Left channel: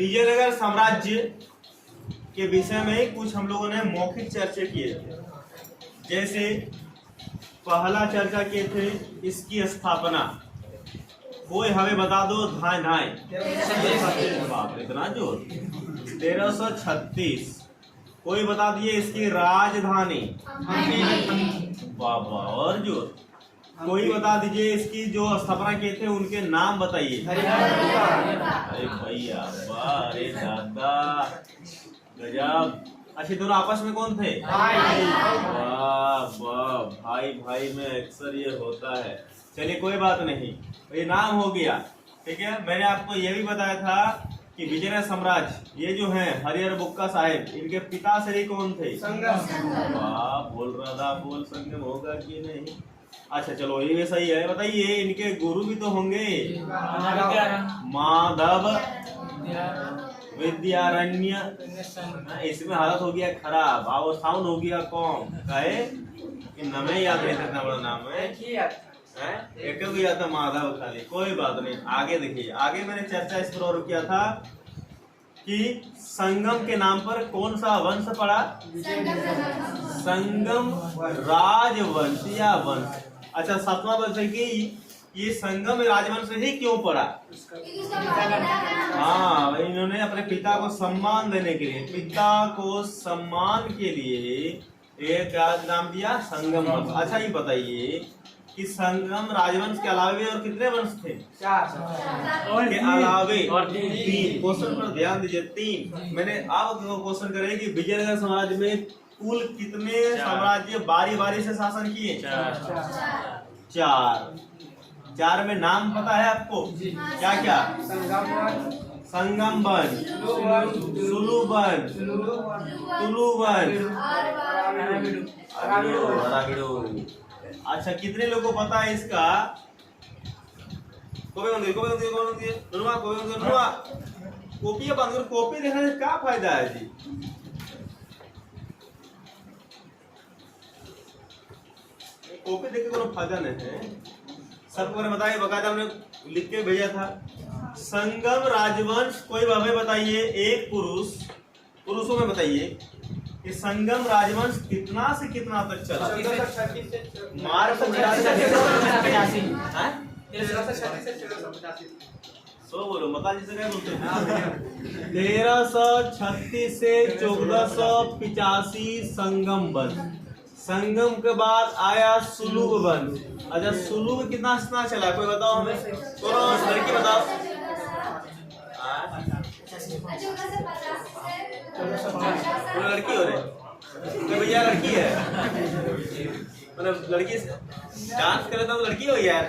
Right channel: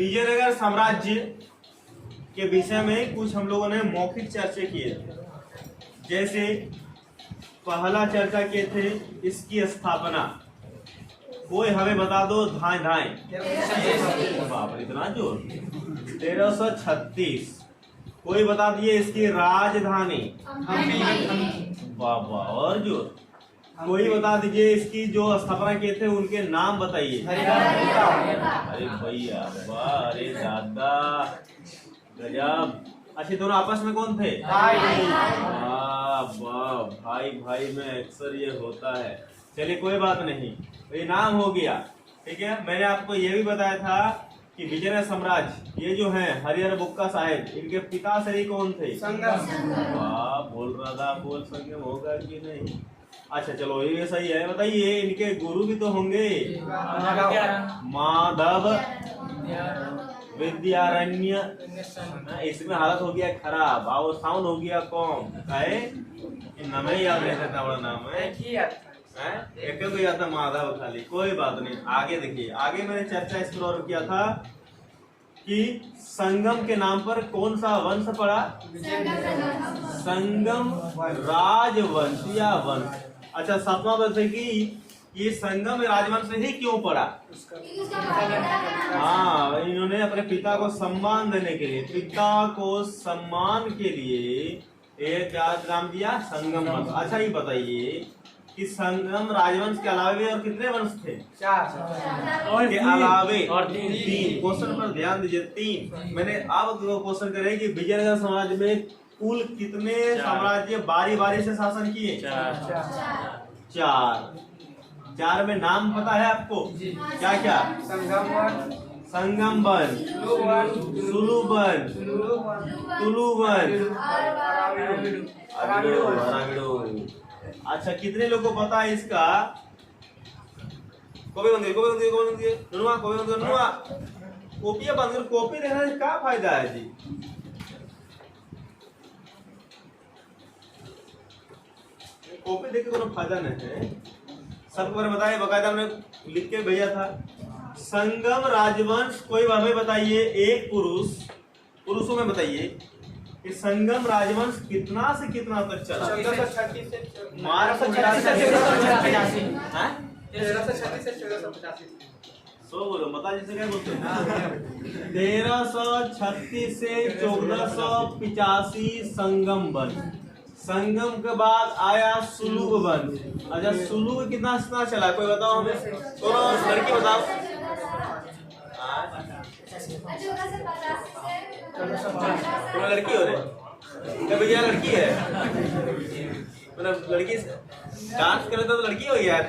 विजयनगर साम्राज्य के विषय में कुछ हम लोगों ने मौखिक चर्चा किए थे। जैसे पहला चर्चा किए थे इसकी स्थापना, कोई हमें बता दो, धाए धाए बाप रे इतना जोर, 1336। कोई बता दिए इसकी राजधानी, बाबा और जोर। कोई बता दीजिए इसकी जो स्थापना किए थे उनके नाम बताइए। अरे भैया वाह, अरे दादा गजब। अच्छा दोनों आपस में कौन थे? वाह वाह, भाई भाई में अक्सर ये होता है। चलिए कोई बात नहीं, ये नाम हो गया, ठीक है। मैंने आपको ये भी बताया था कि विजयनगर साम्राज्य ये जो है हरिहर बुक्का साहेब, इनके पिता श्री कौन थे? वाह, बोल रहा था, बोल संगम होगा कि नहीं। अच्छा चलो ये सही है। बताइए इनके गुरु भी तो होंगे, माधव विद्यारण्य। इसमें हालत हो गया खराब, अवस्थान हो गया कौम काहे नमे याद नहीं था, इतना बड़ा नाम है एक को याद था माधव खाली। कोई बात नहीं, आगे देखिए। आगे मैंने चर्चा इस पर और किया था कि संगम के नाम पर कौन सा वंश पड़ा? संगम राजवंश या वंश। अच्छा सातवां वंश की ये संगम राजवंश ही क्यों पड़ा? हाँ, इन्होंने अपने पिता को सम्मान देने के लिए, पिता को सम्मान के लिए एक नाम दिया संगम वंश। अच्छा ये बताइए कि संगम राजवंश के अलावे और कितने वंश थे? 4 और के अलावे और 3। क्वेश्चन पर ध्यान दीजिए, 3। मैंने अब क्वेश्चन करे कि विजयनगर साम्राज्य में कुल कितने साम्राज्य बारी बारी से शासन किए? 4। 4 में नाम पता है आपको? क्या क्या? संगमबन, सुलुबन, तुलुबन, अराविडो। अच्छा कितने लोगों को पता है इसका? कॉपी बंद कर, कॉपी देखने से क्या फायदा है जी? कॉपी देख के कोई फायदा नहीं है। सबको मैंने बताया, बकायदा हमने लिख के भेजा था। संगम राजवंश कोई हमें बताइए, एक पुरुषों में बताइए कि संगम राजवंश कितना से कितना तक चला? 1336 से 1485 संगम बन। संगम के बाद आया सुलुग बन। अच्छा सुलुग कितना चला कोई बताओ हमें? लड़की बताओ। लड़की हो रही भैया, लड़की है मतलब लड़की डांस करे तो लड़की हो यार।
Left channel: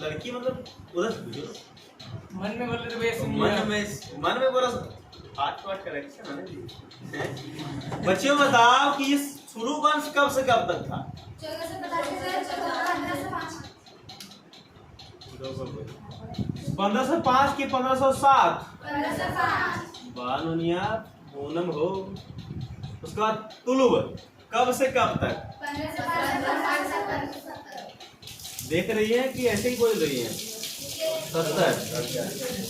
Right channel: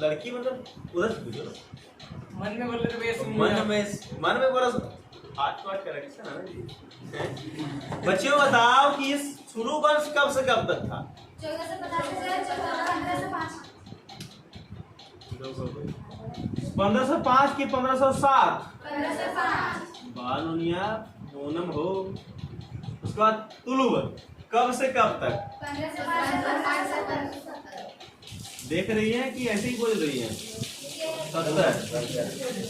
लड़की मतलब उधर मन में बोला करेक्शन है। बच्चों बताओ कि सुलु वंश कब से कब तक था? 1505 की 1507? बानुनिया ओनम हो। उसके बाद तुलुब कब से कब तक? देख रही है कि ऐसे ही बोल रही है? 70।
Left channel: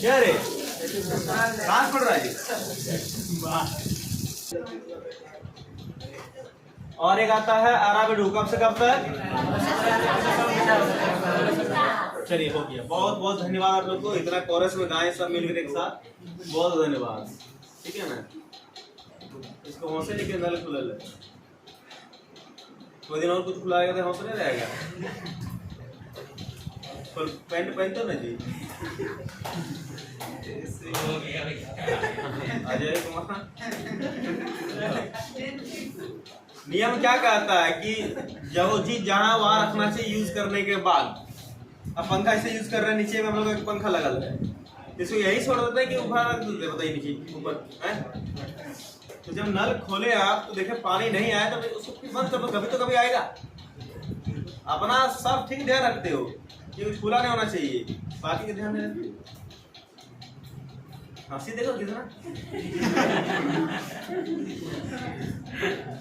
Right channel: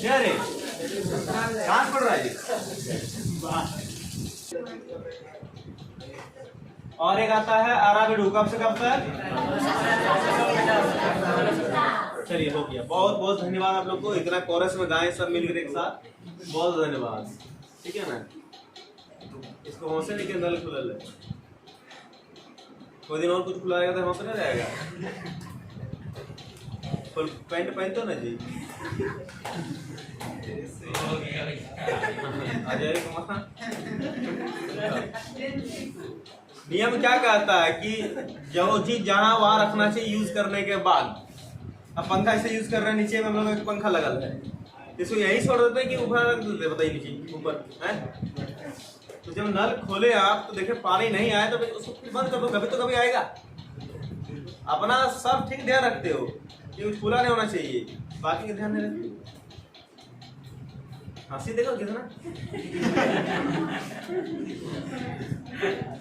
क्या रे कहाँ पढ़ रहा है? और एक आता है अराविडो, कब से कब तक? चलिए हो गया। बहुत बहुत धन्यवाद आप लोग को, इतना कोरस में गाएं सब मिलकर एक साथ, बहुत धन्यवाद। ठीक है ना, इसको हौसले लेके नल खुला ले। कोई दिन और कुछ खुलाएगा तो हौसले रहेगा। फुल पैंट पहनते ना जी? नियम क्या कहता है कि जो चीज जाना वहां रखना चाहिए यूज करने के बाद। अब पंखा इसे यूज कर रहे हैं, नीचे में हम लोग एक पंखा लगा है, इसको यही छोड़ देते हैं कि ऊपर रख देते, बताइए नीचे ऊपर है। तो जब नल खोले आप तो देखे पानी नहीं आया तो उसको बंद कर दो, कभी तो कभी आएगा। अपना सब ठीक ध्यान रखते हो कि खुला नहीं होना चाहिए, बाकी का ध्यान नहीं रखते। हंसी देखो कितना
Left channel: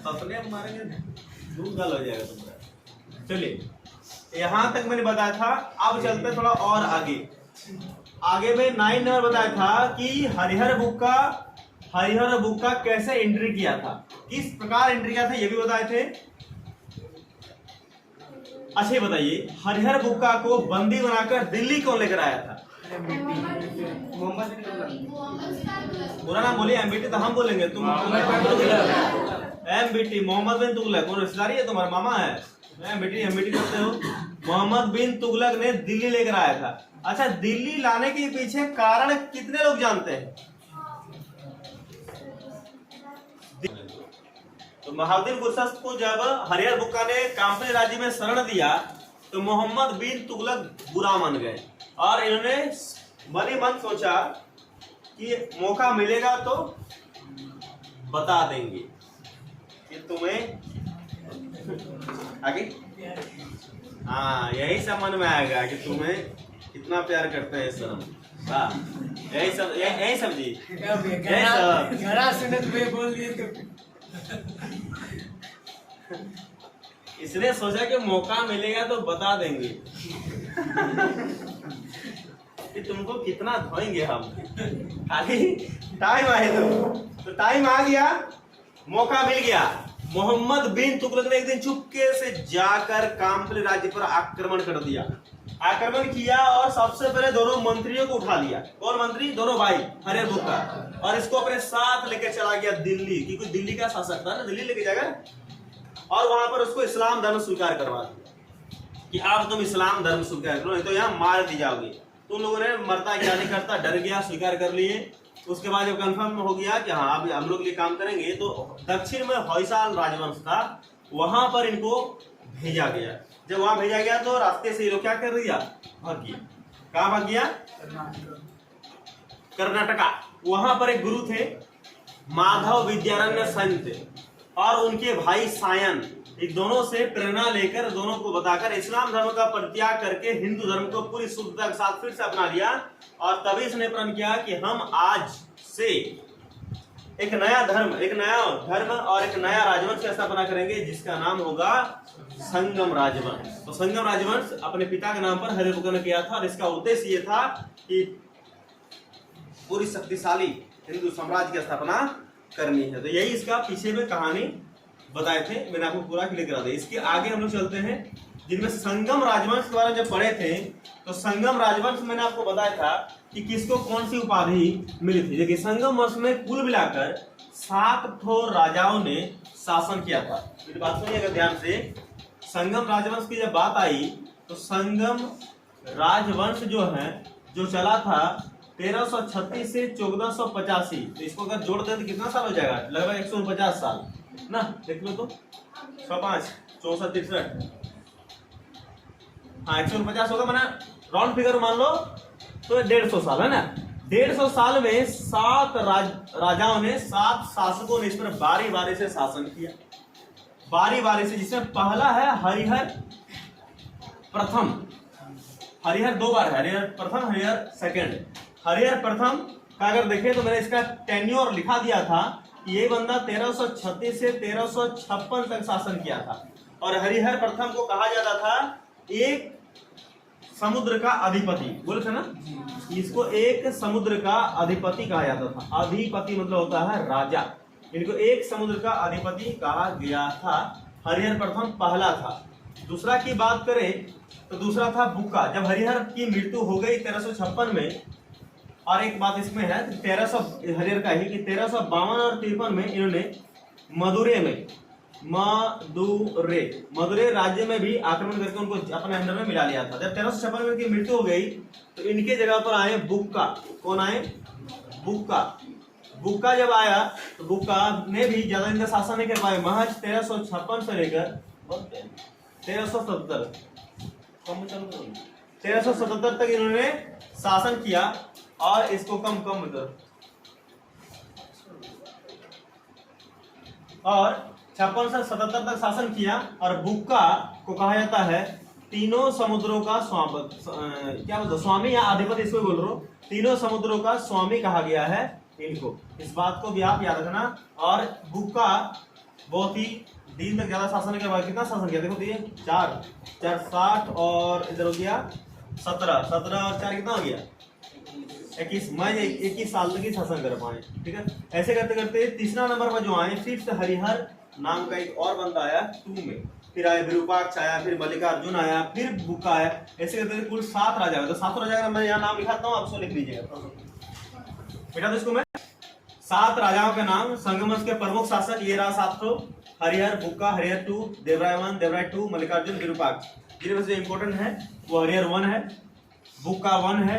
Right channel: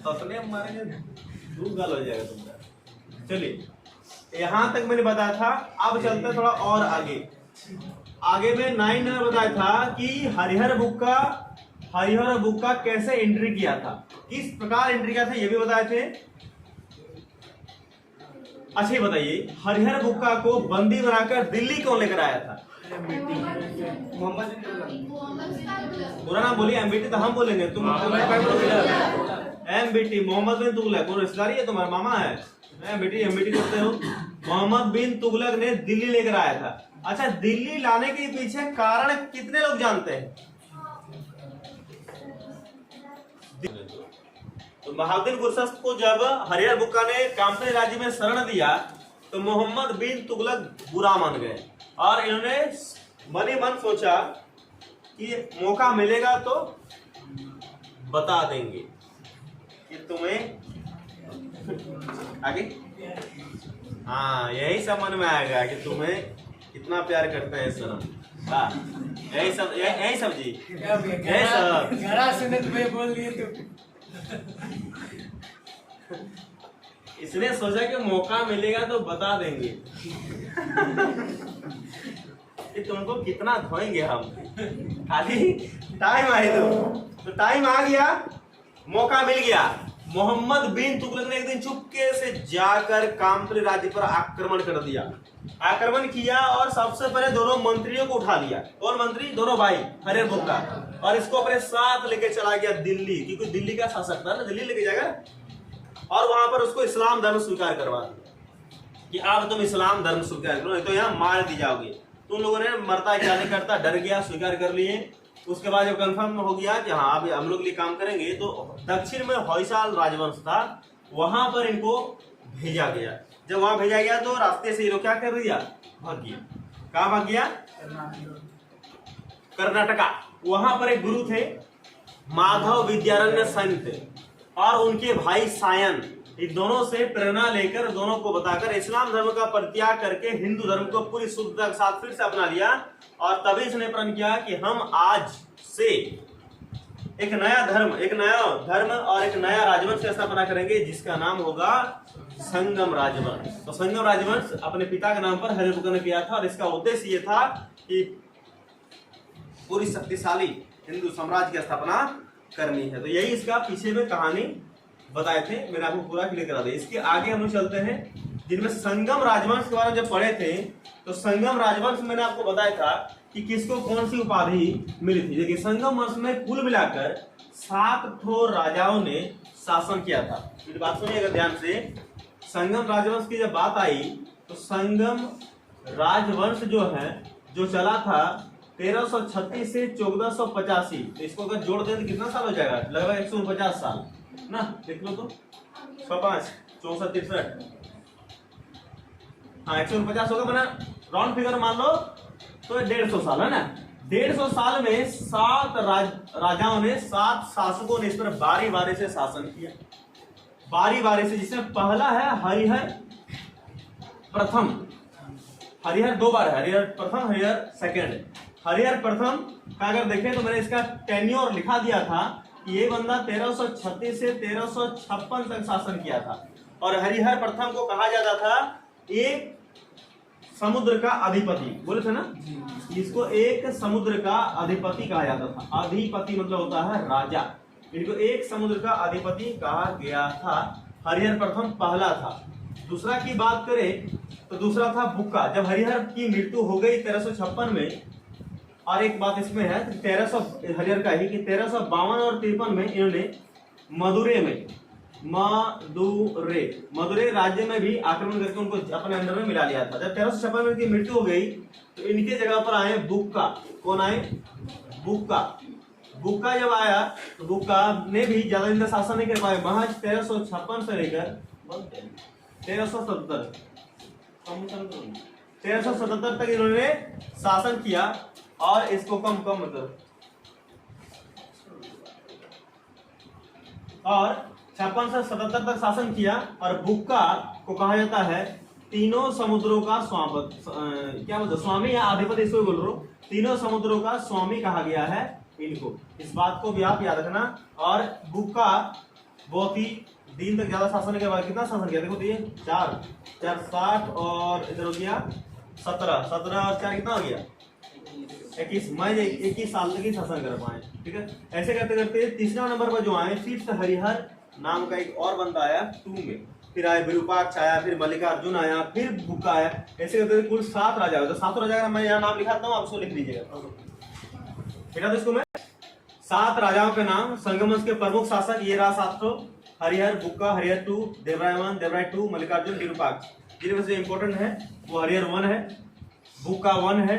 सपने मारेंगे, दूध गाल हो जाएगा तुमका। चलिए यहाँ तक मैंने बताया था। अब चलते हैं थोड़ा और आगे। आगे में 9 नंबर बताया था कि हरिहर बुक्का कैसे एंट्री किया था, किस प्रकार एंट्री किया था, ये भी बताए थे। अच्छा ये बताइए, हरिहर बुक्का को बंदी बनाकर दिल्ली कौन लेकर आया था? पूरा नाम बोलिए। एमबीटी तो हम बोलेंगे, तुम एमबीटी मोहम्मद बिन तुगलक। कौन रिश्तेदारी है तुम्हारा? मामा है? एमबीटी करते हो। मोहम्मद बिन तुगलक ने दिल्ली लेकर आया था। अच्छा, दिल्ली लाने के पीछे कारण कितने लोग जानते हैं? तो बहाउद्दीन गुरशस्त को जब हरिहर बुक्का ने कंपनी राज्य में शरण दिया तो मोहम्मद बिन तुगलक बुरा मान गए और इन्होंने मन ही मन सोचा कि मौका मिलेगा तो बता देंगे कि तुम्हें आगे, हाँ यही सब मन में आएगा कि तुम्हें कितना प्यार करते हैं सर। वाह, यही समझी, बोल दिए तो इसने सोचा कि मौका मिलेगा तो बता देंगे कि तुमको कितना धोएंगे हम, खाली टाइम आए तो टाइम आ गया, मौका मिल गया। मोहम्मद बिन तुगलक ने एक दिन चुपके से जाकर काम्पली राज्य पर आक्रमण कर दिया। आक्रमण किया और सबसे पहले दोनों मंत्रियों को उठा लिया। कौन मंत्री? दोनों भाई हरिहर बुक्का, और इसको अपने साथ लेके चला गया दिल्ली, क्योंकि दिल्ली का शासक था ना, दिल्ली लेके जाएगा। और वहां पर उसको इस्लाम धर्म स्वीकार करवा कि अब तुम इस्लाम धर्म स्वीकार करो, नहीं तो यहाँ मार दी जाओगे। तुम लोगों ने मरता क्या नहीं करता, डर गया, स्वीकार कर लिए। उसके बाद जब कंफर्म हो गया कि हाँ अब हम लोग ये काम करेंगे, तो दक्षिण में होयसाल राजवंश था, वहां पर इनको भेजा गया। जब वहां भेजा गया तो रास्ते से ये लोग क्या कर दिया? भाग गया। कहाँ भाग गया? कर्नाटका। वहां पर एक गुरु थे माधव विद्यारण्य संत थे, और उनके भाई सायन, इन दोनों से प्रेरणा लेकर, दोनों को बताकर इस्लाम धर्म का परित्याग करके हिंदू धर्म को पूरी शुद्धता के साथ फिर से अपना लिया। और तभी इसने प्रण किया कि हम आज से एक नया धर्म और एक नया राजवंश की स्थापना करेंगे, जिसका नाम होगा संगम राजवंश। तो संगम राजवंश अपने पिता के नाम पर हरिहर बुक्का ने किया था, और इसका उद्देश्य ये था कि पूरी शक्तिशाली हिंदू साम्राज्य की स्थापना करनी है। तो यही इसका पीछे में कहानी बताए थे, मैंने आपको पूरा क्लियर करा दिया। इसके आगे हम लोग चलते हैं, जिनमें संगम राजवंश के बारे में जब पढ़े थे तो संगम राजवंश मैंने आपको बताया था कि किसको कौन सी उपाधि मिली थी। देखिए, संगम वंश में कुल मिलाकर 7 ठो राजाओं ने शासन किया था। मेरी बात सुनिएगा ध्यान से। संगम राजवंश की जब बात आई तो संगम राजवंश जो चला था 1336 से 1485। तो इसको अगर जोड़ दें तो कितना साल हो जाएगा? लगभग 149 साल ना। देख लो तो 105, 64, 63, हाँ 149 होगा। मैंने राउंड फिगर मान लो तो 150 साल है ना। 150 साल में 7 राजाओं ने, 7 शासकों ने इस पर बारी बारी से शासन किया, बारी बारी से। जिसमें पहला है हरिहर प्रथम। हरिहर 2 बार, हरिहर प्रथम, हरिहर सेकंड। हरिहर प्रथम का अगर देखें तो मैंने इसका टेन्योर लिखा दिया था कि ये बंदा 1336 से 1356 तक शासन किया था। और हरिहर प्रथम को कहा जाता था एक समुद्र का अधिपति, बोले थे ना, इसको एक समुद्र का अधिपति कहा जाता था। अधिपति मतलब होता है राजा, इनको एक समुद्र का अधिपति कहा गया था। हरिहर प्रथम पहला था। दूसरा की बात करें तो दूसरा था बुक्का। जब हरिहर की मृत्यु हो गई 1356 में, और एक बात इसमें है 1300 हरिहर का ही कि 1352 और 53 में इन्होंने मदुरे राज्य में भी आक्रमण करके उनको अपने अंदर में मिला लिया था। जब 1356 में इनकी मृत्यु हो गई तो इनके जगह पर आए बुक्का। कौन आए? बुक्का जब आया तो बुक्का ने भी ज्यादा दिन तक शासन नहीं कर पाए। महज 1356 से लेकर 1377 तक इन्होंने शासन किया। और इसको कम मतलब और 56 से 77 तक शासन किया। और बुक्का को कहा जाता है तीनों समुद्रों का स्वामी या अधिपति, इसको बोल रहा हूं। तीनों समुद्रों का स्वामी कहा गया है इनको। इस बात को भी आप याद रखना। और बुक्का बहुत ही दिन तक ज्यादा शासन के बाद कितना शासन किया देखो तो ये 4 60 और इधर हो गया 17 17 और 4 कितना हो गया 21। मैं 21 साल तक ही शासन कर पाए। ठीक है, ऐसे करते करते तीसरा नंबर पर जो आए फिर से हरिहर नाम का एक और बंदा आया 2 में, फिर आए विरूपाक्ष आया, फिर मल्लिकार्जुन आया, फिर बुक्का आया। ऐसे करते कुल 7 राजा हुए। तो 7 राजा का मैं यहाँ नाम लिखाता हूँ, आप उसको लिख लीजिएगा बेटा। तो इसको मैं 7 राजाओं के नाम संगम वंश के प्रमुख शासक ये रहा 7 तो हरिहर, बुक्का, हरिहर 2, देवराय 1, देवराय 2, मल्लिकार्जुन, विरूपाक्ष। जिनमें से इंपॉर्टेंट है वो हरिहर 1 है, बुक्का 1 है,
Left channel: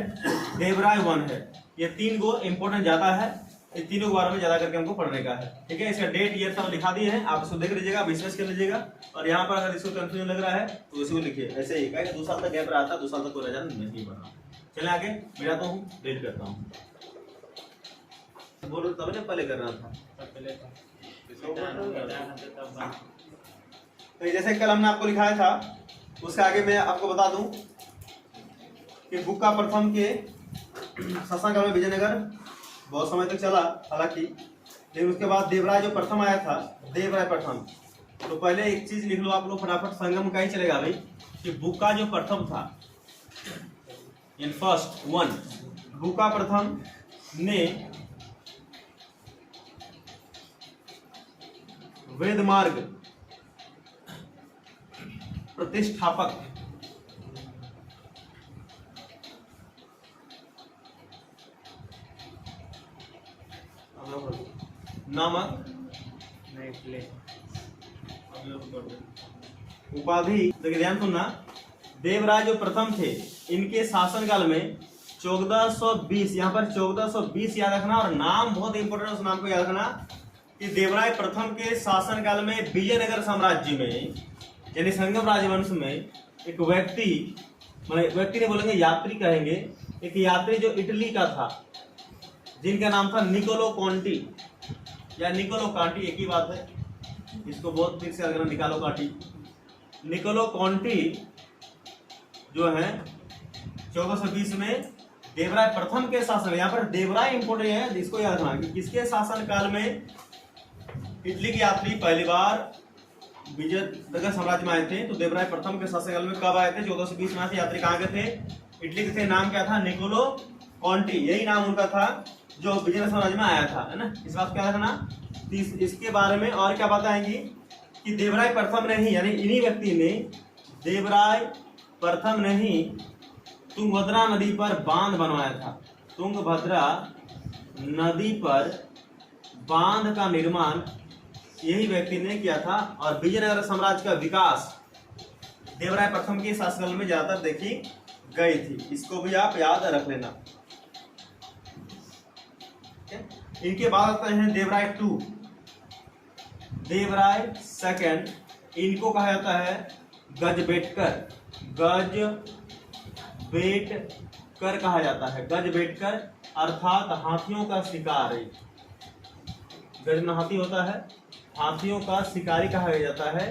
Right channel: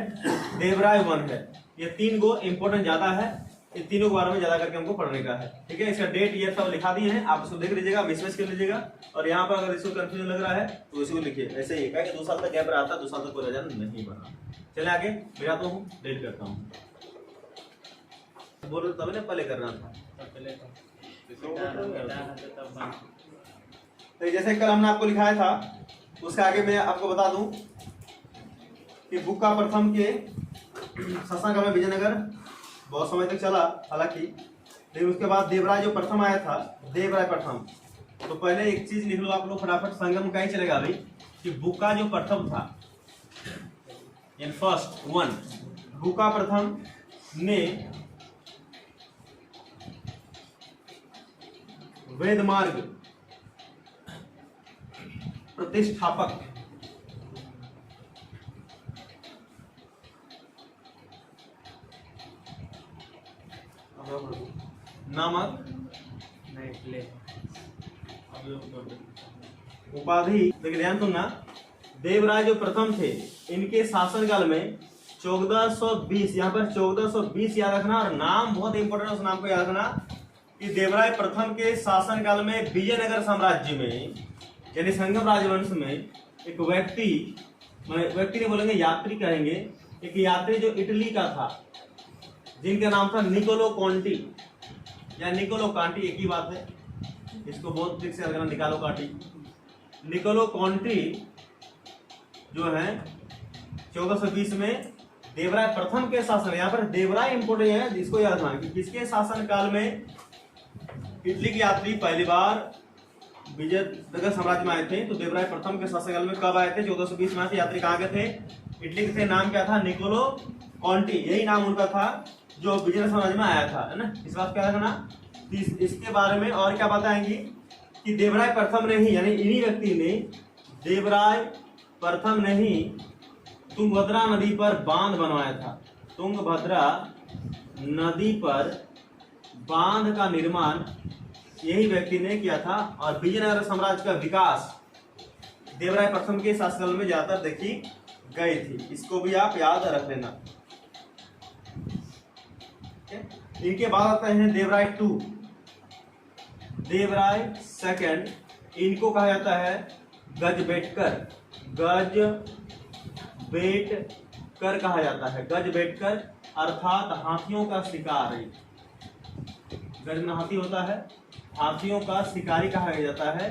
देवराय 1 है। ये 3 को इंपॉर्टेंट ज्यादा है, इन तीनों के बारे में ज्यादा करके हमको पढ़ने का है। ठीक है, इसका डेट ईयर सब लिखा दिए हैं, आप इसको देख लीजिएगा, विश्लेष कर लीजिएगा। और यहाँ पर अगर इसको कंफ्यूजन लग रहा है तो इसको लिखिए ऐसे ही, क्या 2 साल तक गैप रहा था, 2 साल तक कोई राजा नहीं बना। चले आगे मिलाता हूँ, डिलीट करता हूँ। बोलो तब ने पहले करना था, तो जैसे कल हमने आपको लिखाया था उसके आगे मैं आपको बता दूं कि बुक्का प्रथम के शासनकाल में विजयनगर बहुत समय तक चला हालांकि, लेकिन उसके बाद देवराय जो प्रथम आया था, देवराय प्रथम, तो पहले एक चीज लिख लो आप लोग फटाफट, संगम का ही चलेगा भाई, कि बुक्का जो प्रथम था इन फर्स्ट 1, बुक्का प्रथम ने वेद मार्ग प्रतिष्ठापक नामक उपाधि, ध्यान सुनना, देवराय जो प्रथम थे इनके शासनकाल में 1420, यहाँ पर 1420 याद रखना। और नाम बहुत इंपॉर्टेंट, उस नाम को याद रखना कि देवराय प्रथम के शासनकाल में विजयनगर साम्राज्य में यानी संगम राजवंश में एक व्यक्ति नहीं बोलेंगे, यात्री कहेंगे, एक यात्री जो इटली का था जिनका नाम था निकोलो कॉन्टी या निकोलो कांटी, एक ही बात है, इसको बहुत ठीक से याद करना, निकालो कांटी। निकोलो कॉन्टी जो है 1420 में देवराय प्रथम के शासन, यहाँ पर देवराय इंपोर्टेंट है, इसको याद रखना कि किसके शासन काल में इटली के यात्री पहली बार विजयनगर साम्राज्य में आए थे। तो देवराय प्रथम के शासनकाल में कब आए थे? 1420 में आए थे। यात्री कहाँ के थे? इटली के थे। नाम क्या था? निकोलो कॉन्टी, यही नाम उनका था जो विजयनगर साम्राज्य में आया था, है ना। इस बात क्या रखना। इसके बारे में और क्या बताएंगी कि देवराय प्रथम ने ही, यानी इन्हीं व्यक्ति ने, देवराय प्रथम ने ही तुंगभद्रा नदी पर बांध बनवाया था। तुंगभद्रा नदी पर बांध का निर्माण यही व्यक्ति ने किया था। और विजयनगर साम्राज्य का विकास देवराय प्रथम के शासनकाल में ज्यादातर देखी गई थी। इसको भी आप याद रख लेना। इनके बाद आते हैं देवराय 2, देवराय सेकंड। इनको कहा जाता है गजबेटकर, गजबेटकर कहा जाता है। गजबेटकर अर्थात हाथियों का शिकारी। गज में हाथी होता है, हाथियों का शिकारी कहा जाता है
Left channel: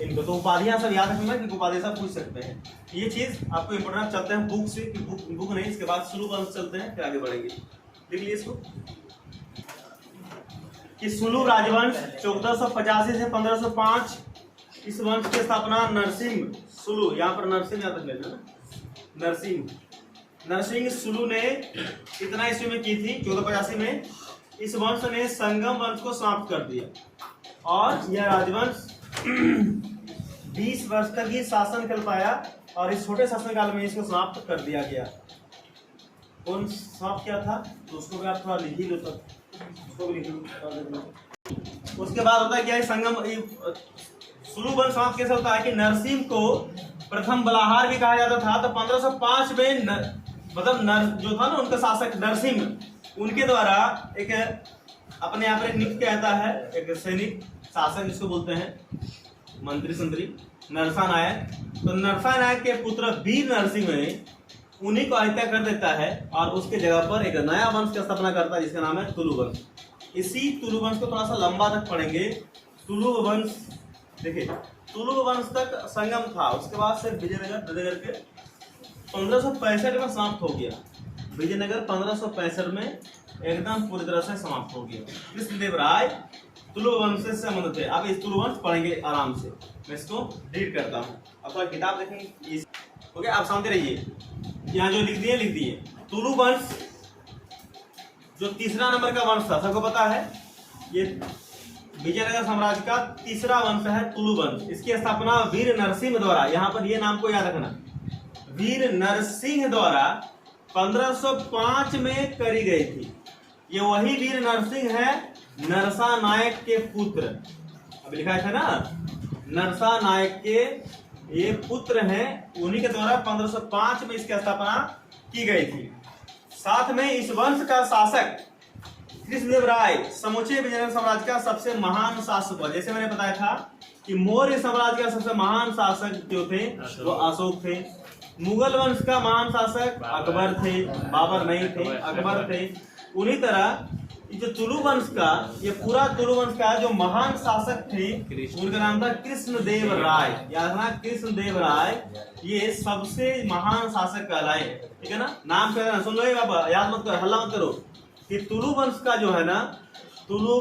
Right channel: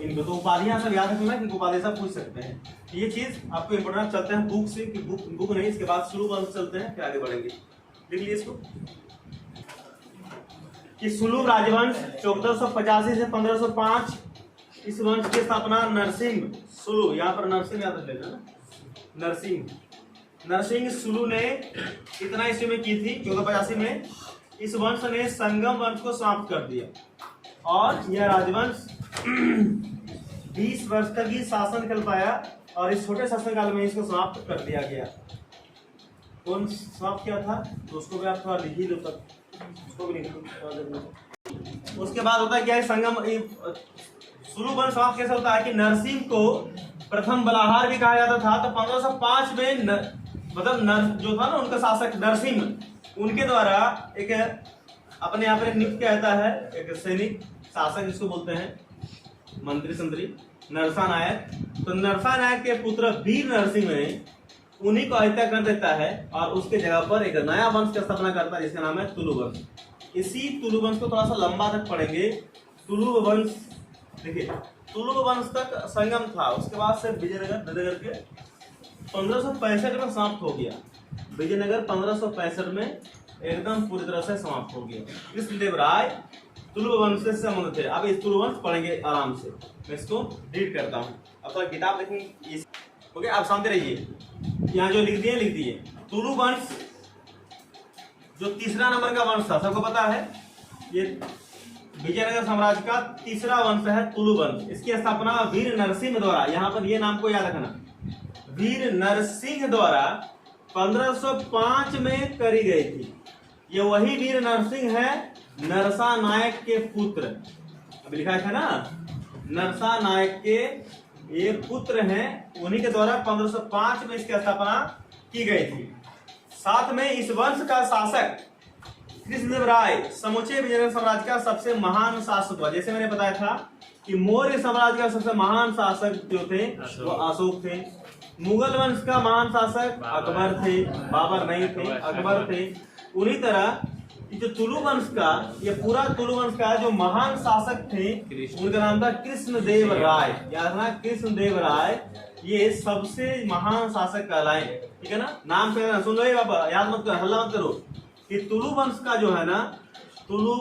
इनको। तो उपाधियां सब याद रखना, इनको उपाधि सब पूछ सकते हैं। ये चीज आपको इंपोर्टेंट। चलते हैं बुक से, कि बुक नहीं, इसके बाद सुलू वंश चलते हैं, फिर आगे बढ़ेंगे। देख लीजिए इसको कि सुलू राजवंश 1485 से 1505, इस वंश की स्थापना नरसिंह सुलू, यहाँ पर नरसिंह याद रख लेना ना, नरसिंह सुलू ने इतना ईस्वी में की थी, 1485 में। इस वंश ने संगम वंश को समाप्त कर दिया और यह राजवंश 20 वर्ष तक ही शासन कर पाया। और इस छोटे शासनकाल में इसको समाप्त कर दिया गया। कौन समाप्त किया था? तो उसको भी आप थोड़ा लिख ही लो, तक उसको भी लिख लो। उसके बाद होता है क्या, संगम सुलू वंश समाप्त कैसे होता है कि नरसिंह को प्रथम बलाहार भी कहा जाता था। तो 1505 में जो था ना उनका शासक नरसिंह, उनके द्वारा एक अपने यहाँ पर एक नियुक्त किया जाता है, एक सैनिक शासक जिसको बोलते हैं मंत्री संतरी, नरसानायक। तो नरसानायक के पुत्र वीर नरसिंह ने उन्हीं को हत्या कर देता है और उसके जगह पर एक नया वंश की स्थापना करता है जिसका नाम है तुलु वंश। इसी तुलु वंश को थोड़ा सा लंबा तक पढ़ेंगे। तुलु वंश देखिए, तुलु वंश तक संगम था, उसके बाद से विजयनगर के 1565 में समाप्त हो गया। विजयनगर 1565 में एकदम पूरी तरह से समाप्त हो गया। कृष्णदेव राय तुलु वंश से संबंध थे। अब इस तुलु वंश पढ़ेंगे आराम से, मैं इसको रीड करता हूँ। अब तो किताब देखेंगे, ओके आप समझते रहिए। यहाँ जो लिख दिए तुलु वंश जो तीसरा नंबर का वंश था, सबको पता है ये विजयनगर साम्राज्य का तीसरा वंश है तुलु वंश। इसकी स्थापना वीर नरसिंह द्वारा, यहाँ पर ये नाम को याद रखना, वीर नरसिंह द्वारा 1505 में करी गई थी। ये वही वीर नरसिंह है, नरसा नायक के पुत्र। अभी लिखा था ना, नरसा नायक के ये पुत्र हैं, उन्हीं के द्वारा 1505 में इसकी स्थापना की गई थी। साथ में इस वंश का शासक कृष्णदेव राय समूचे विजयनगर साम्राज्य का सबसे महान शासक हुआ। जैसे मैंने बताया था कि मौर्य साम्राज्य का सबसे महान शासक जो थे वो अशोक थे। मुगल वंश का महान शासक अकबर थे, बाबर नहीं थे, अकबर थे। उन्हीं तरह ये जो तुलु वंश का, ये पूरा तुलु वंश का जो महान शासक थे उनका नाम था कृष्णदेव राय। याद रखना, कृष्णदेव राय ये सबसे महान शासक कहलाए, ठीक है ना। नाम कहना सुन लो ये बाबा, याद मत करो, हल्ला मत करो। कि तुलु वंश का जो है ना, तुलु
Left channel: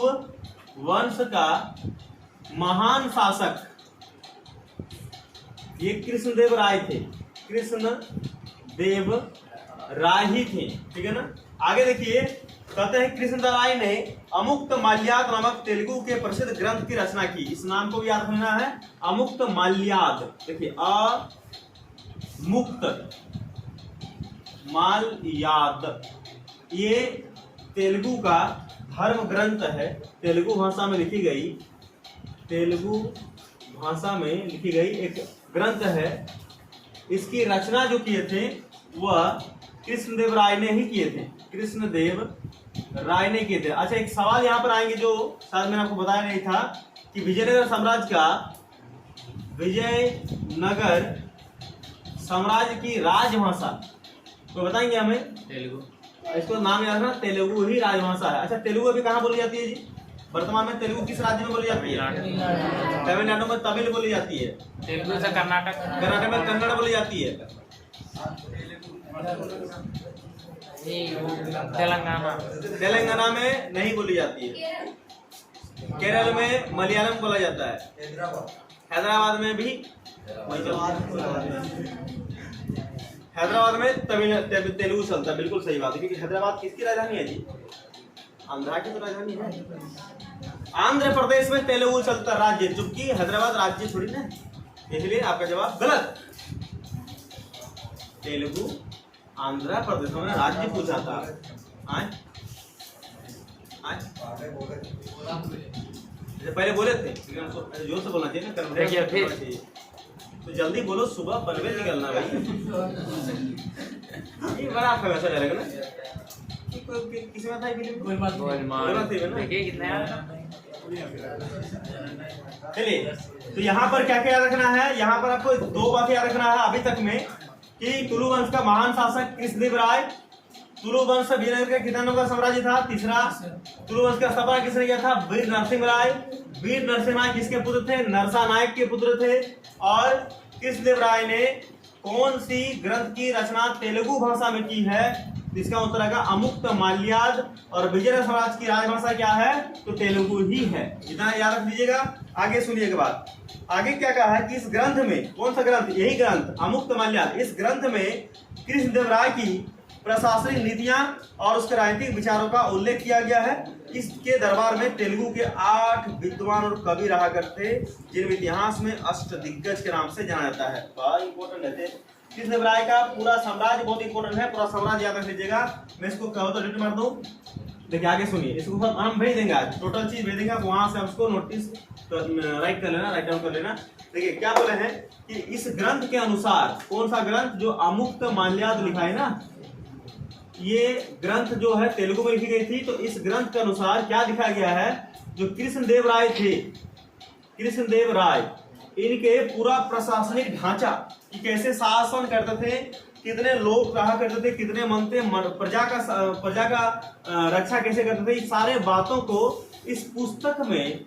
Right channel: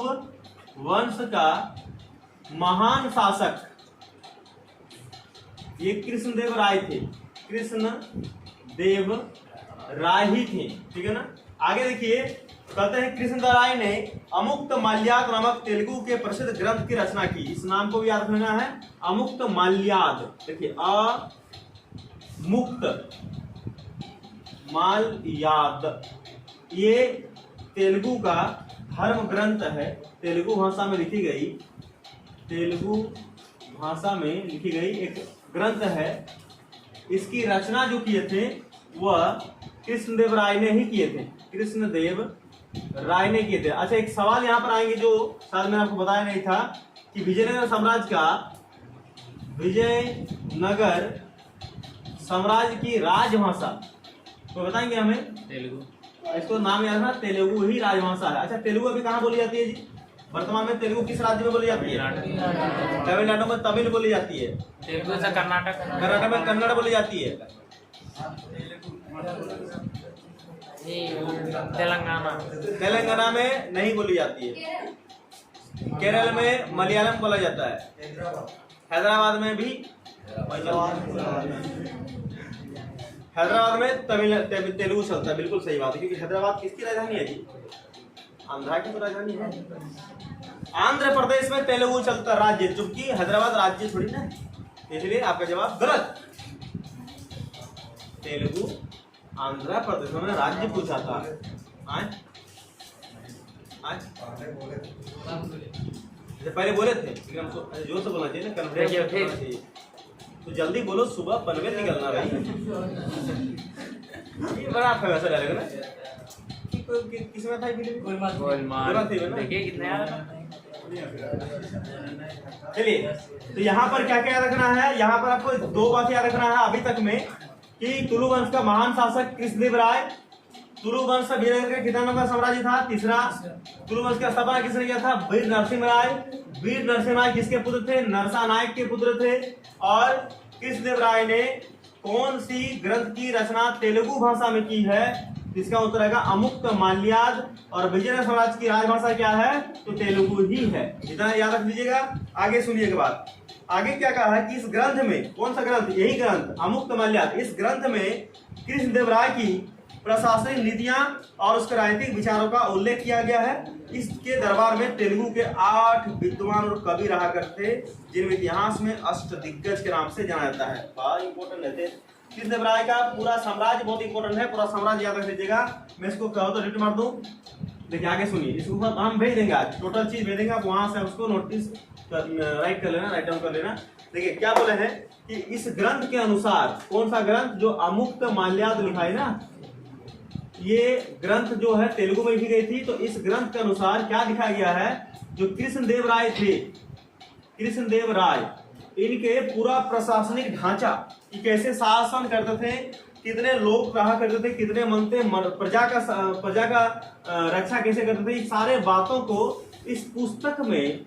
वंश का महान शासक ये कृष्णदेव राय थे, कृष्णदेव राय ही थे, ठीक है ना। आगे देखिए, कहते हैं कृष्णदेव राय ने अमुक्त माल्याद नामक तेलुगु के प्रसिद्ध ग्रंथ की रचना की। इस नाम को भी याद रखना है, अमुक्त माल्याद। देखिए अमुक्त माल्याद, ये तेलुगु का धर्म ग्रंथ है, तेलुगु भाषा में लिखी गई, तेलुगु भाषा में लिखी गई एक ग्रंथ है। इसकी रचना जो किए थे वह कृष्णदेव राय ने ही किए थे, कृष्णदेव राय ने किए थे। अच्छा, एक सवाल यहाँ पर आएंगे जो शायद मैंने आपको बताया नहीं था कि विजयनगर साम्राज्य का, विजयनगर साम्राज्य की राजभाषा तो बताएंगे हमें? तेलुगु। इसको नाम याद रखना, तेलुगु ही राजभाषा है। अच्छा, तेलुगु अभी कहाँ बोली जाती है जी? वर्तमान में तेलुगु किस राज्य में बोली जाती है? तमिलनाडु में तमिल बोली जाती है। तेलुगु से कर्नाटक, कर्नाटक में कन्नड़ बोली जाती है। तेलंगाना, तेलंगाना में नहीं बोली जाती है। केरल में मलयालम बोला जाता है। हैदराबाद में भी, हैदराबाद में तेलुगु चलता है। बिल्कुल सही बात है, क्योंकि हैदराबाद किसकी राजधानी है जी? आंध्रा की तो राजधानी है। आंध्र प्रदेश में तेलुगु चलता राज्य, जबकि हैदराबाद राज्य थोड़ी ना, इसलिए आपका जवाब गलत। तेलुगु आंध्र प्रदेश में राज्य पूछा था। पहले बोले थे, जोर से बोलना चाहिए ना, कन्वर्ट करना चाहिए। तो जल्दी बोलो, सुबह पनवेल निकलना भाई। ये बड़ा आपका वैसा रहेगा ना, किसी में था कि देखिए कितना। चलिए, तो यहाँ पर क्या क्या याद रखना है? यहाँ पर आपको दो बातें याद रखना है अभी तक में, कि तुलु वंश का महान शासक कृष्णदेव राय, तुलु वंश विजयनगर का कितना नंबर साम्राज्य था? तीसरा। तुलु वंश का स्थापना किसने किया था? वीर नरसिंह राय। वीर नरसिंह राय किसके पुत्र थे? नरसा नायक के पुत्र थे। और कृष्णदेव राय ने कौन सी ग्रंथ की रचना तेलुगु भाषा में की है? इसका उत्तर आएगा अमुक्त माल्याद। और विजयनगर साम्राज्य की राजभाषा क्या है? तो तेलुगु ही है। इतना याद रख लीजिएगा। आगे सुनिएगा बात, आगे क्या कहा है कि इस ग्रंथ में, कौन सा ग्रंथ? यही ग्रंथ अमुक्त माल्याद। इस ग्रंथ में कृष्णदेव राय की प्रशासनिक नीतियां और उसके राजनीतिक विचारों का उल्लेख किया गया है। इसके दरबार में तेलुगु के 8 विद्वान और कवि रहा करते, जिनमें इतिहास में अष्टदिग्गज के नाम से जाना जाता है। बहुत इंपॉर्टेंट है, कृष्णदेव राय का पूरा साम्राज्य बहुत इंपॉर्टेंट है, पूरा साम्राज्य याद रख लीजिएगा। मैं इसको कहो तो रिट मार दूं। देखिए आगे सुनिए, इसको सब हम भेज देंगे, आज टोटल चीज भेज देंगे, आप वहां से उसको नोटिस राइट कर लेना, राइट डाउन कर लेना। देखिए क्या बोले हैं कि इस ग्रंथ के अनुसार, कौन सा ग्रंथ? जो अमुक्त माल्याद लिखा है ना, ये ग्रंथ जो है तेलुगु में लिखी गई थी। तो इस ग्रंथ के अनुसार क्या लिखा गया है? जो कृष्णदेव राय थे, कृष्णदेव राय, इनके पूरा प्रशासनिक ढांचा, कि कैसे शासन करते थे, कितने लोग रहा करते थे, कितने मन थे, प्रजा का रक्षा कैसे करते थे, सारे बातों को इस पुस्तक में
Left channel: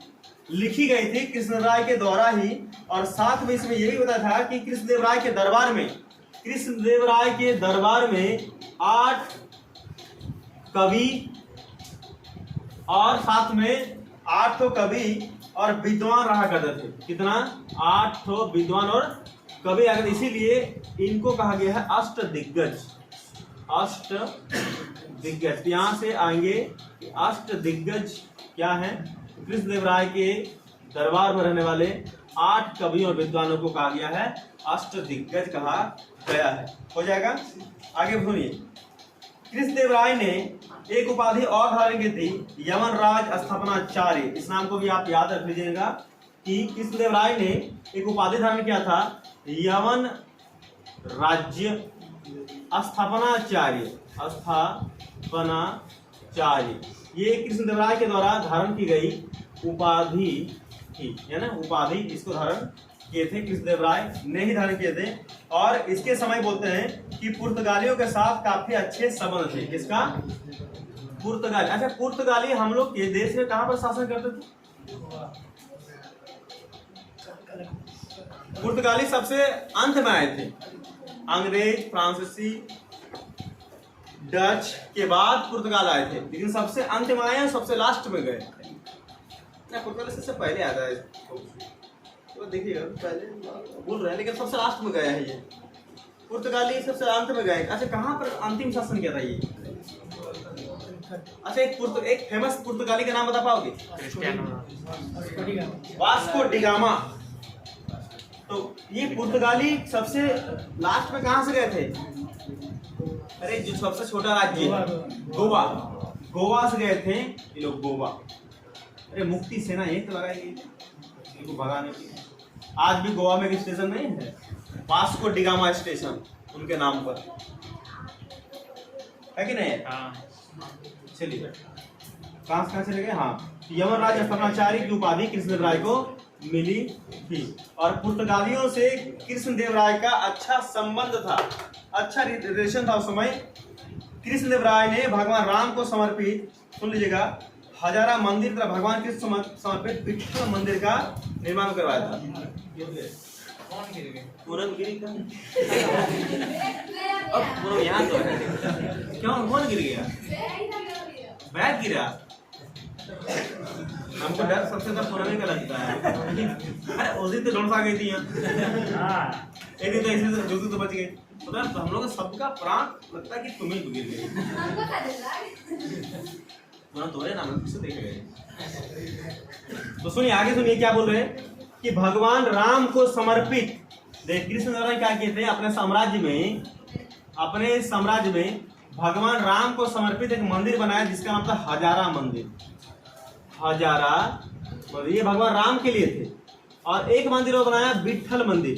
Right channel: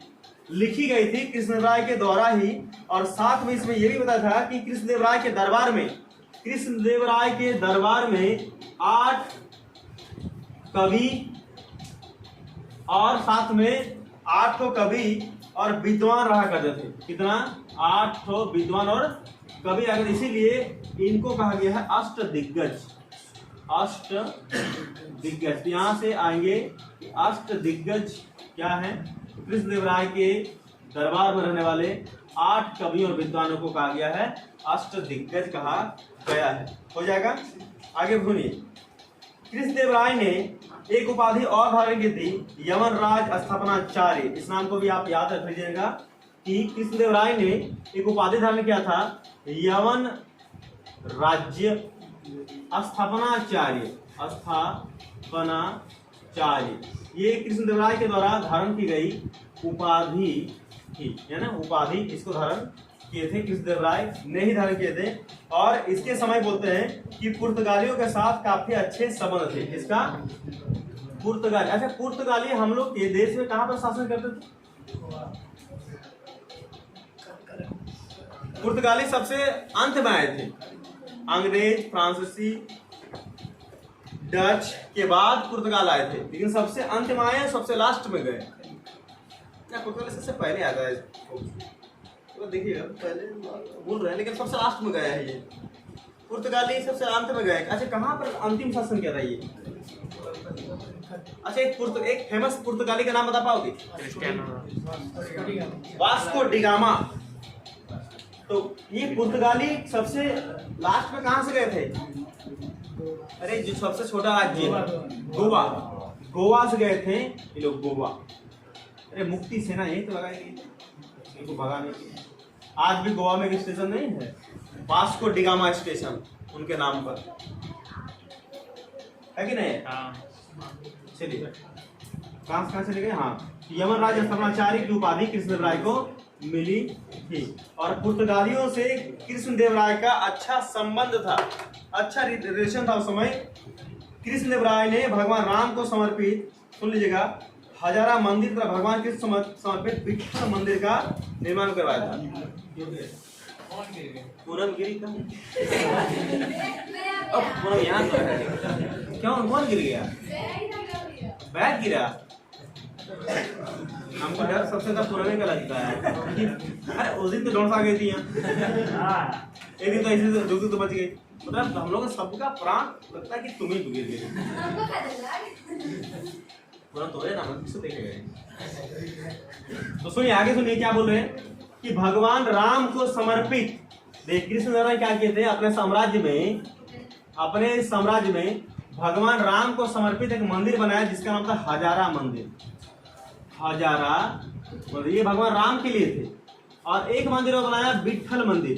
लिखी गई थी कृष्णदेव राय के द्वारा ही। और साथ में इसमें यह भी बताया था कि कृष्णदेव राय के दरबार में, कृष्णदेव राय के दरबार में 8 कवि और साथ में 8 कवि और विद्वान रहा करते थे। कितना? 8 विद्वान और कवि आगे, इसीलिए इनको कहा गया है अष्ट दिग्गज। अष्ट दिग्गज यहाँ से आएंगे। अष्ट दिग्गज क्या है? कृष्णदेव राय के दरबार में रहने वाले 8 कवियों और विद्वानों को कहा गया है अष्ट दिग्गज कहा गया है। हो जाएगा। आगे सुनिए, कृष्णदेव राय ने एक उपाधि और धारण की थी, यवनराज स्थापनाचार्य। इस नाम को भी आप याद रख लीजिएगा कि कृष्णदेव राय ने एक उपाधि धारण किया था, यवन राज्य स्थापनाचार्य। स्थापनाचार्य ये कृष्णदेव राय के द्वारा धारण की गई उपाधि थी, है ना। उपाधि इसको धारण किए थे कृष्णदेव राय ने ही धारण किए थे। और इसके समय बोलते हैं कि पुर्तगालियों के साथ काफी अच्छे संबंध थे। इसका पुर्तगाली, अच्छा पुर्तगाली हम लोग के देश में कहाँ पर शासन करते थे? पुर्तगाली सबसे अंत में आए थे। अंग्रेज, फ्रांसीसी, डच के बाद पुर्तगाल आए थे, लेकिन सबसे अंत में आए, सबसे लास्ट में गए। पुर्तगाली सबसे पहले आता है, तो देखिएगा पहले बोल रहे हैं, लेकिन सबसे लास्ट में गया है ये। पुर्तगाली सबसे अंत में गए। अच्छा कहाँ पर अंतिम शासन किया था ये? अच्छा एक फेमस पुर्तगाली का नाम बता पाओगे? Vasco da Gama. तो ये पुर्तगाली सबसे लास्ट में कहाँ से गए थे? अरे जो सबसे छोटा राज्य गोवा, गोवा से गए थे ये लोग, गोवा। अरे मुक्ति सेना यही तो लगाई गई इनको भगाने के लिए। आज भी गोवा में एक स्टेशन नहीं है, वास्को डिगामा स्टेशन, उनके नाम पर है कि नहीं? चलिए कहाँ चले गए? हाँ, यवनराज स्थापनाचार्य की उपाधि कृष्णदेव राय को मिली थी। और पुर्तगालियों से कृष्णदेव राय का अच्छा संबंध था, अच्छा रिलेशन था उस समय। कृष्णदेव राय ने भगवान राम को समर्पित, सुन लीजिएगा, हजारा मंदिर तथा भगवान कृष्ण समर्पित विठ्ठल मंदिर का निर्माण करवाया था। पूरन गिरी का पूरन यहाँ तो है। क्यों कौन गिर गया? बैग गिरा। हमको डर सबसे ज्यादा पुराने का लगता है। अरे उस दिन तो डोंस आ गई थी यहाँ, एक दिन तो ऐसे तो बच गई। मतलब हम लोग सबका प्राण लगता है कि तुम ही गिर गए। तुरंत हो रहे ना, किससे देखे गए। तो सुनिए आगे, सुनिए क्या बोल रहे हैं कि भगवान राम को समर्पित। देख कृष्णदेव राय क्या किए थे अपने साम्राज्य में भगवान राम को समर्पित एक मंदिर बनाया जिसका नाम था हजारा मंदिर। हजारा ये भगवान राम के लिए थे। और एक मंदिर वो बनाया विठ्ठल मंदिर।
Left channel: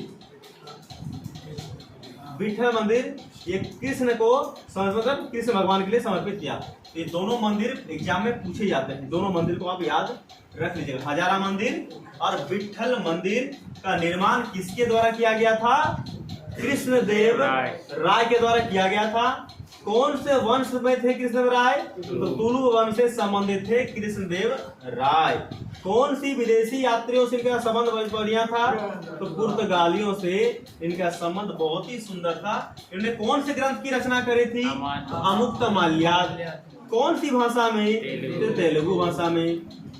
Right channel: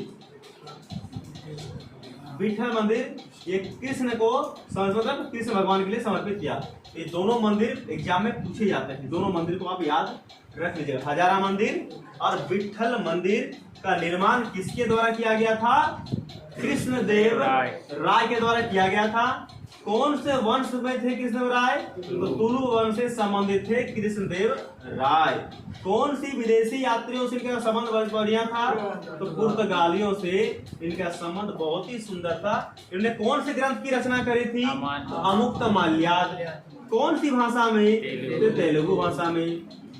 विठ्ठल मंदिर ये कृष्ण को मतलब कृष्ण भगवान के लिए समर्पित किया। ये दोनों मंदिर एग्जाम में पूछे जाते हैं, दोनों मंदिर को आप याद रख लीजिएगा। हजारा मंदिर और विठ्ठल मंदिर का निर्माण किसके द्वारा किया गया था? कृष्णदेव राय के द्वारा किया गया था। कौन से वंश में थे कृष्णदेव राय? तो तुलु वंश से संबंधित थे कृष्णदेव राय। कौन सी विदेशी यात्रियों से इनका संबंध बढ़िया था? तो पुर्तगालियों से इनका संबंध बहुत ही सुंदर था। इन्होंने कौन से ग्रंथ की रचना करी थी? अमुक्तमाल्याद। कौन सी भाषा में? तेलुगु भाषा में।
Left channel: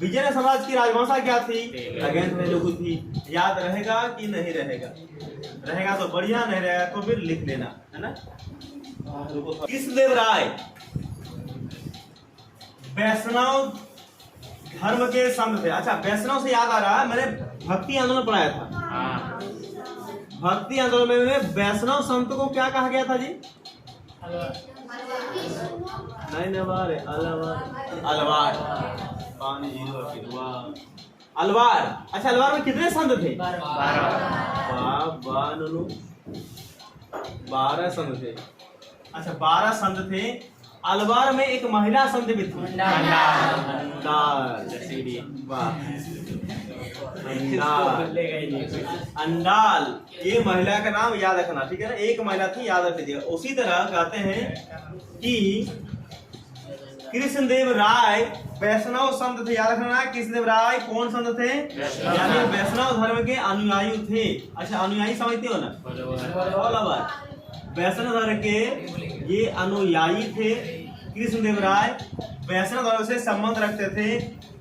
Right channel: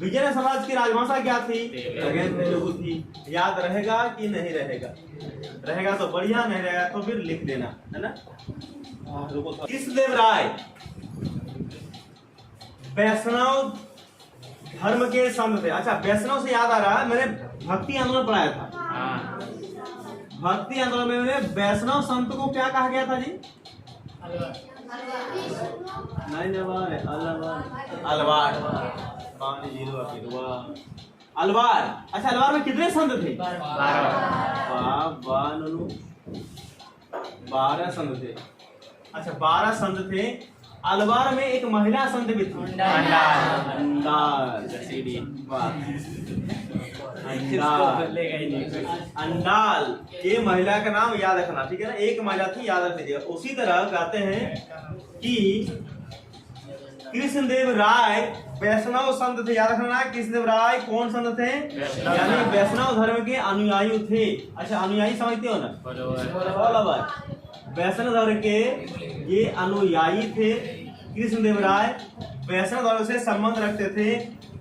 विजय साम्राज्य की राजभाषा क्या थी? तेलुगु थी। याद रहेगा कि नहीं रहेगा? रहेगा तो बढ़िया, नहीं रहेगा तो फिर लिख लेना, है ना। कृष्णदेव राय वैष्णव धर्म के संत थे। अच्छा वैष्णव से याद आ रहा है, मैंने भक्ति आंदोलन पढ़ाया था। भक्ति आंदोलन में वैष्णव संत को क्या कहा गया था जी? अलवार। अलवार। अच्छा अलवार में कितने संत थे? 12 संत थे। अच्छा 12 संत थे। अलवार में एक महिला संत भी थी, अंडाल। ये महिला का नाम याद रखना, ठीक है ना। एक महिला थी, याद रख लीजिएगा। उसी तरह कहते हैं कि कृष्णदेव राय वैष्णव संत थे, याद रखना। कृष्णदेव राय कौन संत थे? यानी वैष्णव धर्म के अनुयायी थे। अच्छा अनुयायी समझते हो ना? वैष्णव धर्म के ये अनुयायी थे। कृष्णदेव राय वैष्णव धर्म से संबंध रखते थे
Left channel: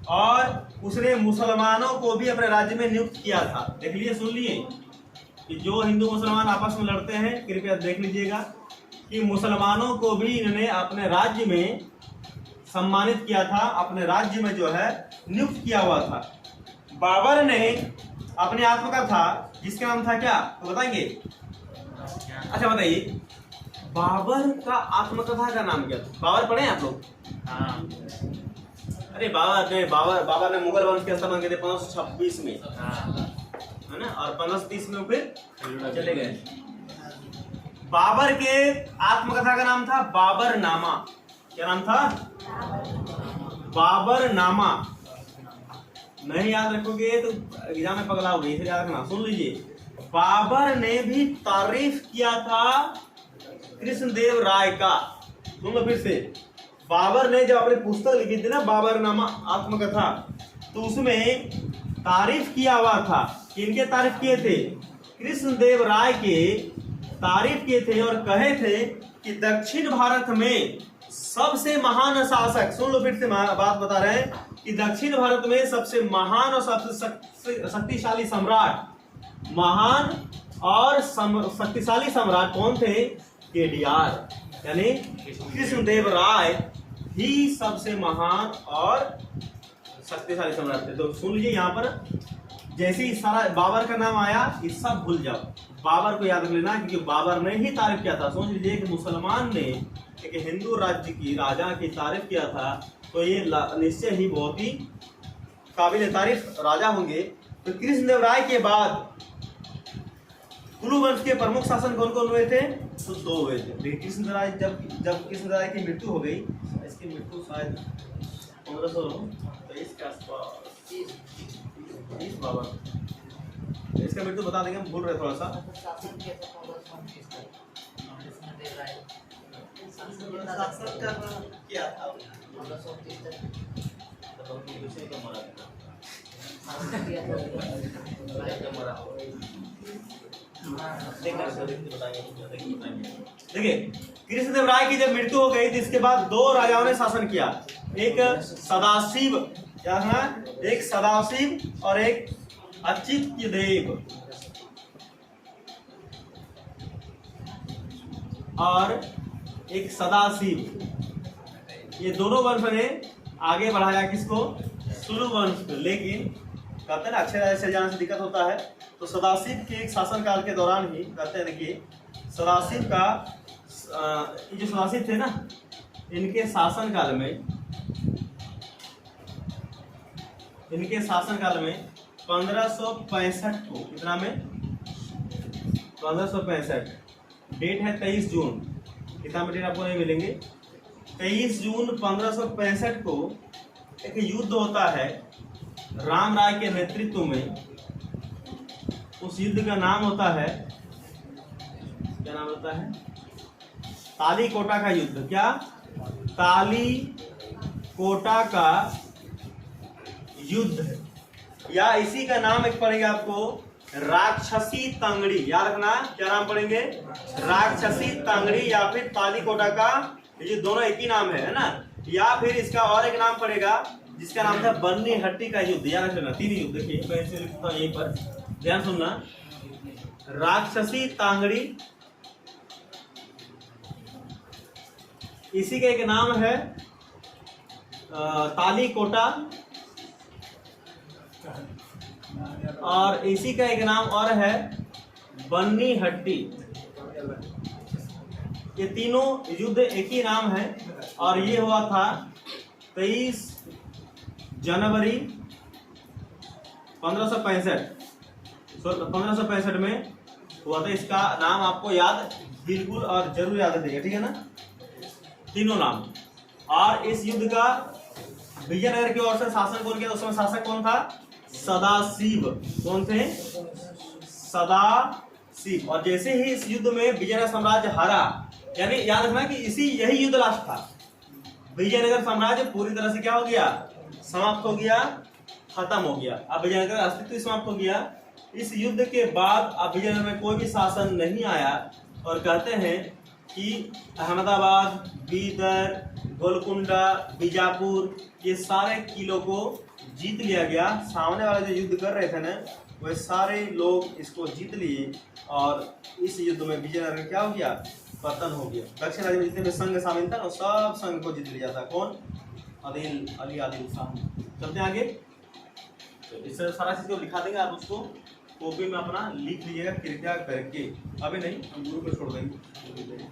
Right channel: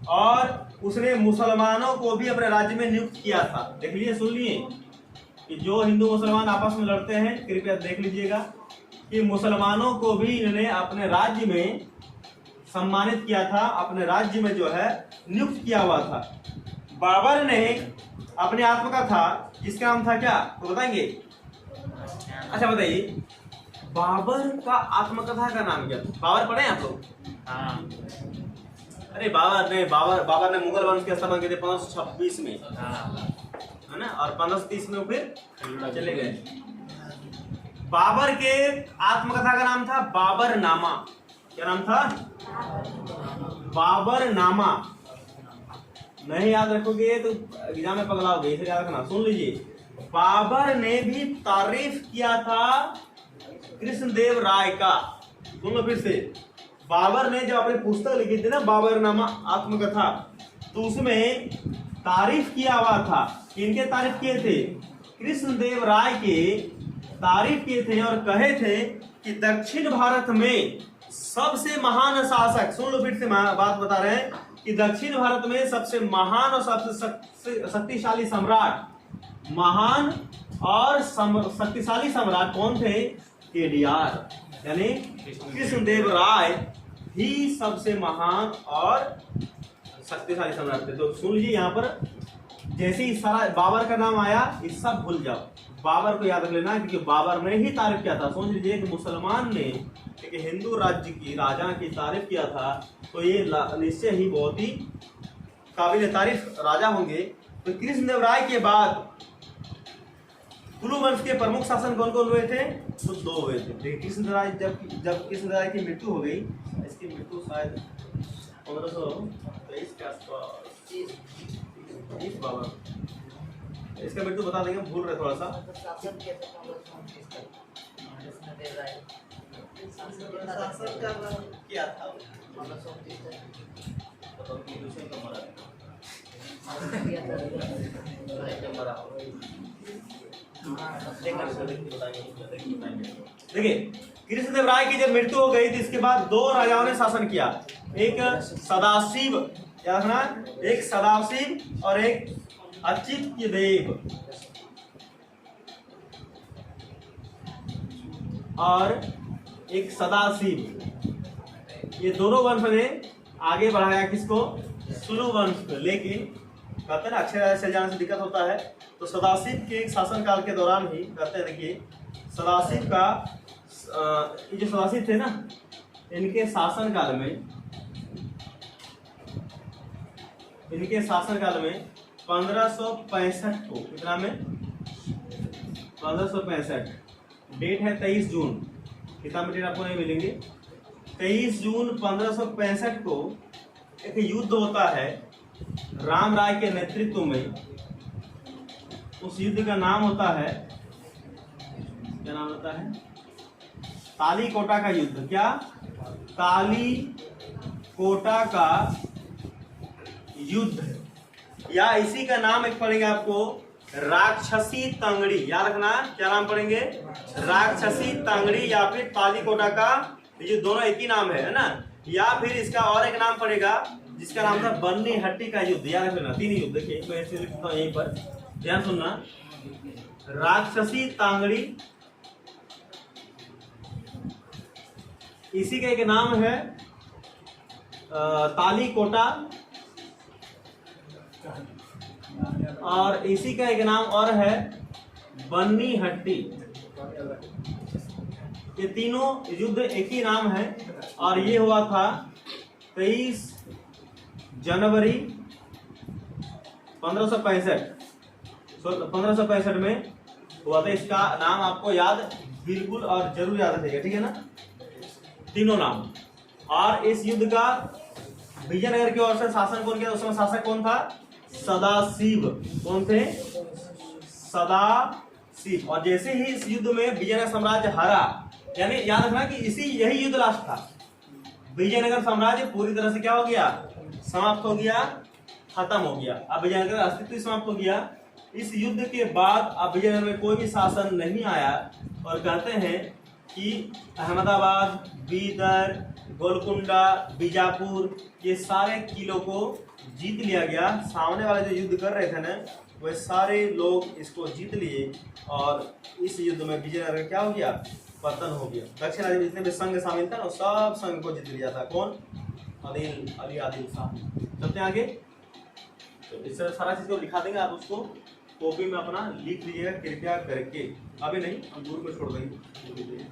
और उसने मुसलमानों को भी अपने राज्य में नियुक्त किया था। देख लीजिए, सुन लिए कि जो हिंदू मुसलमान आपस में लड़ते हैं, कृपया देख लीजिएगा कि मुसलमानों को भी इन्होंने अपने राज्य में सम्मानित किया था, अपने राज्य में जो है नियुक्त किया हुआ था। बाबर ने अपनी आत्मकथा जिसका नाम था क्या, तो बताएंगे? अच्छा बताइए, बाबर का आत्मकथा का नाम क्या था? बाबर पढ़े आप लोग? हाँ। अरे बाबर ने मुगल वंश के स्थापना किए थे 1526 में, हाँ। है ना, और 1530 में फिर चले गए। बाबर के आत्मकथा का नाम था बाबर नामा। क्या नाम था? बाबर नामा। नहीं याद रखोगे तो एग्जाम में पगलाओगे, इसे याद रखना। सुन लीजिए, बाबर ने भी तारीफ किया था कृष्णदेव राय का। सुन लो फिर से, बाबर ने जब अपनी पुस्तक लिखी थी ना बाबरनामा आत्मकथा, तो उसमें तारीफ किया हुआ था। किनके तारीफ किए थे? कृष्णदेव राय के तारीफ किए थे और कहे थे कि दक्षिण भारत में सबसे महान शासक, सुन लो फिर से बात बता रहे हैं कि दक्षिण भारत में सबसे महान और सबसे शक्तिशाली सम्राट, महान और शक्तिशाली सम्राट कौन थे? केडीआर, यानी कृष्णदेव राय ही सबसे महान और शक्तिशाली सम्राट थे। तो सुन लीजिए, यहाँ पर जैसे ही सारा बाबर का नाम आया, ये सब भूल जाओ, बाबर को याद रख लेना, क्योंकि बाबर ने ही तारीफ किया था। सोच लीजिए कि मुसलमान ने एक हिंदू राज्य की राजा की तारीफ किया था, तो ये निश्चय ही बहुत ही काबिल तारीफ राजा होंगे। तो कृष्णदेव राय के बाद कुलू वंश के प्रमुख शासन कौन कौन हुए थे? तो 2 हुए थे। लेकिन कृष्णदेव राय जब कृष्णदेव राय की मृत्यु हो गई, इसकी मृत्यु शायद 1523 के आसपास, बाबा इसका मृत्यु बता देंगे, हम भूल रहे थोड़ा सा। क्या था? देखिए, कृष्णदेव राय की जब मृत्यु हो गई तो इसके बाद 2 राजाओं ने शासन किया। एक सदाशिव, क्या था? एक सदाशिव और एक अच्युतदेव, और एक सदाशिव। ये दोनों वंश ने आगे बढ़ाया किसको? सुलु वंश को। लेकिन कहते हैं ना, अक्षर चल जाने से दिक्कत होता है, तो सदाशिव के एक शासन काल के दौरान ही कहते हैं, देखिए सदाशिव का ये जो सदाशिव थे ना, इनके शासन काल में 1565 को, कितना में? 1565, डेट है 23 जून। कितना में डेट आपको नहीं मिलेंगे? 23 जून 1565 को एक युद्ध होता है राम राय के नेतृत्व में। उस युद्ध का नाम होता है, क्या नाम होता है? ताली कोटा का युद्ध। क्या? ताली कोटा का युद्ध, या इसी का नाम एक पड़ेगा आपको राक्षसी तंगड़ी। याद रखना, क्या नाम पढ़ेंगे? राक्षसी तंगड़ी, या फिर ताली कोटा का, ये दोनों एक ही नाम है ना। या फिर इसका और एक नाम पड़ेगा जिसका नाम था बन्नी हट्टी का युद्ध। याद रखना, 3 युद्ध। देखिए मैं ऐसे लिखता हूं यहीं पर, ध्यान सुनना। राक्षसी तांगड़ी, इसी का एक नाम है ताली कोटा, और इसी का एक नाम और है बन्नी हट्टी। ये तीनों युद्ध एक ही नाम है, और ये हुआ था 23 जनवरी 1565 में हुआ था। इसका नाम आपको याद बिल्कुल और जरूर याद रखिएगा, ठीक है ना, तीनों नाम। और इस युद्ध का विजयनगर की ओर से शासन कौन किया? उस समय शासक कौन था? सदाशिव। कौन थे? सदाशिव। और जैसे ही इस युद्ध में विजयनगर साम्राज्य हारा, यानी याद रखना कि यही युद्ध लास्ट था। विजयनगर साम्राज्य पूरी तरह से क्या हो गया? समाप्त हो गया, खत्म हो गया। अब विजयनगर का अस्तित्व समाप्त हो गया। इस युद्ध के बाद अब विजयनगर में कोई भी शासन नहीं आया, और कहते हैं कि अहमदाबाद, बीदर, गोलकुंडा, बीजापुर, ये सारे किलों को जीत लिया गया। सामने वाले जो युद्ध कर रहे थे ना, वह सारे लोग इसको जीत लिए और इस युद्ध में विजयनगर क्या हो गया, पतन हो गया। दक्षिण राज्य में जितने भी संघ शामिल था ना, सब संघ को जीत लिया था। कौन? अली आदिल शाह। चलते हैं आगे। तो इस तरह सारा चीज को दिखा देंगे, आप उसको कॉपी में अपना लिख लीजिएगा कृपया करके। अभी नहीं, हम गुरु को छोड़ देंगे।